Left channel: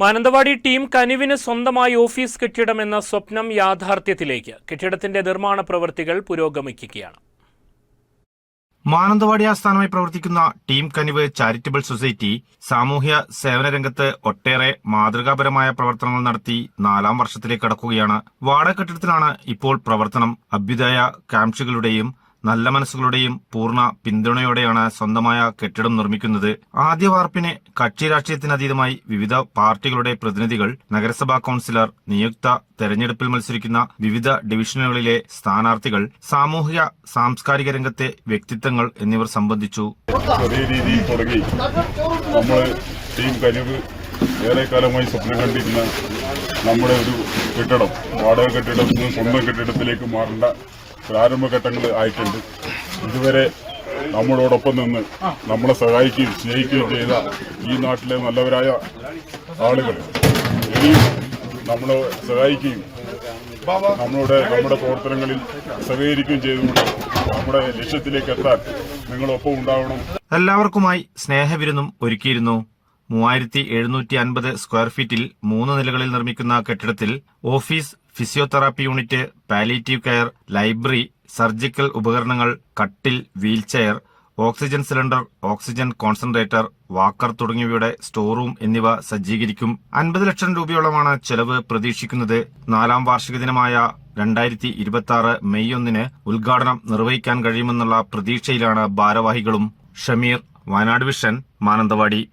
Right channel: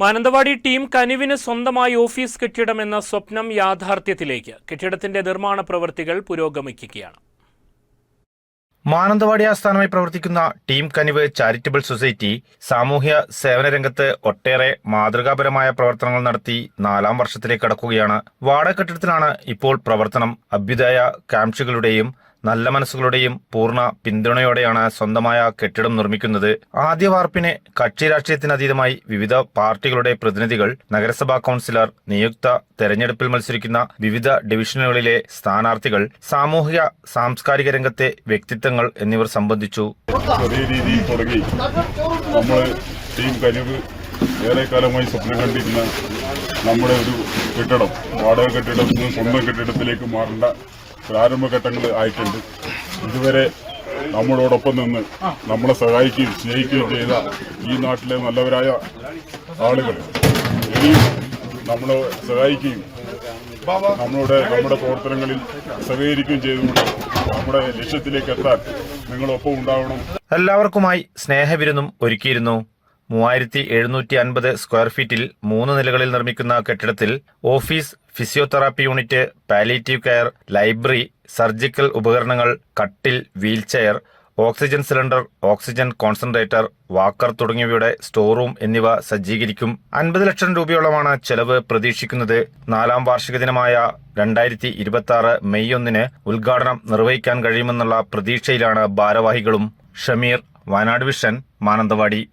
Mananthavady team കനിവിന് സ്വന്തമായി office കെട്ടിടം എന്ന സ്വപ്നം യാഥാർത്ഥ്യത്തിലേക്ക്. കെട്ടിടത്തിന്റെ നിർമ്മാണ പ്രവൃത്തികൾ പുരോഗമിക്കുകയാണ്. മാനന്തവാടി ആസ്ഥാനമായി പ്രവർത്തിക്കുന്ന ടീം കനിവ് ചാരിറ്റബിൾ സൊസൈറ്റി സാമൂഹ്യ സേവന രംഗത്ത് ഒട്ടേറെ മാതൃകാപരമായ പ്രവർത്തനങ്ങൾ നടത്തി നാലാം വർഷത്തിലേക്ക് കടക്കുകയാണ്. വാടക കെട്ടിടത്തിലാണ് ഇപ്പോൾ പ്രവർത്തനം. അഭ്യുദയ കാംക്ഷികളുടെയും നല്ല മനസ്സുകളുടെയും പൂർണ പിന്തുണയോടെയാണ് സ്വന്തമായ കെട്ടിടം നിർമ്മിക്കുന്നത്. ആദ്യ വാർപ്പിനെ കക്ഷി രാഷ്ട്രീയത്തിനതീതമായി വിവിധ പാർട്ടികളുടെ പ്രതിനിധികൾ നഗരസഭാ കൌൺസിലർ നിയുക്ത തെരഞ്ഞെടുപ്പിൽ മത്സരിക്കുന്ന വിവിധ ഡിവിഷനുകളിലെ സ്ഥാനാർത്ഥികൾ സാമൂഹിക സാംസ്കാരിക രംഗത്തെ വ്യക്തിത്വങ്ങൾ എന്നിവർ സംബന്ധിച്ചു. ഏറെക്കാലമായി സ്വപ്നം കണ്ടിരുന്ന നമ്മുടെ ഒരു കെട്ടിടം വാടക കെട്ടിടത്തിൽ നിന്ന് സ്വന്തം കെട്ടിടത്തിലേക്ക് മാറേണ്ട പ്രാരംഭഘട്ടങ്ങൾ ആയിട്ടുണ്ട്. ഇതുവരെ നമ്മളോടൊപ്പം നിന്ന് നമ്മളെ സഹായിക്കുകയും സ്നേഹിക്കുകയും ചെയ്ത ഈ നാട്ടിലെ നല്ലവരായ ആളുകൾ ഇനിയും നമ്മളെ സഹായിക്കുകയും നമ്മളുടെ നമ്മുടെ പ്രവർത്തനങ്ങളിൽ സഹകരിക്കുകയും ചെയ്തുകൊണ്ട് നമ്മുടെ ലക്ഷ്യത്തിലേക്ക് എത്താൻ നിങ്ങളൊപ്പം ഉണ്ടാവണം. എല്ലാവർക്കുമായി സ്നേഹവിരുന്നും ഒരുക്കിയിരുന്നു. മൂവായിരത്തി എഴുന്നൂറ്റി അൻപത് സ്ക്വയർ ഫീറ്റിൽ മൂന്ന് നിലകളിൽ നിർമ്മിക്കുന്ന കെട്ടിടത്തിൽ office physiotherapy unit palliative care library surgical ഉപകരണങ്ങൾ കട്ടിൽ wheelchair oxygen cylinder oxygen concentrator walker തുടങ്ങിയവയുടെ സ്റ്റോർ റൂം എന്നിവ സജ്ജീകരിക്കും. അൻപത് ലക്ഷം രൂപയോളമാണ് ചെലവ് പ്രതീക്ഷിക്കുന്നത്. നാലാം വാർഷിക ദിനമായ രണ്ടായിരത്തി ഇരുപത്തി ആറ് മെയ് ഒന്നിന് ഉദ്ഘാടനം നിർവഹിക്കാൻ കഴിയുമെന്നുള്ള പ്രതീക്ഷയിലാണ് ഭാരവാഹികളും. ഷമീർ വയനാട് വിഷൻ മാനന്തവാടി.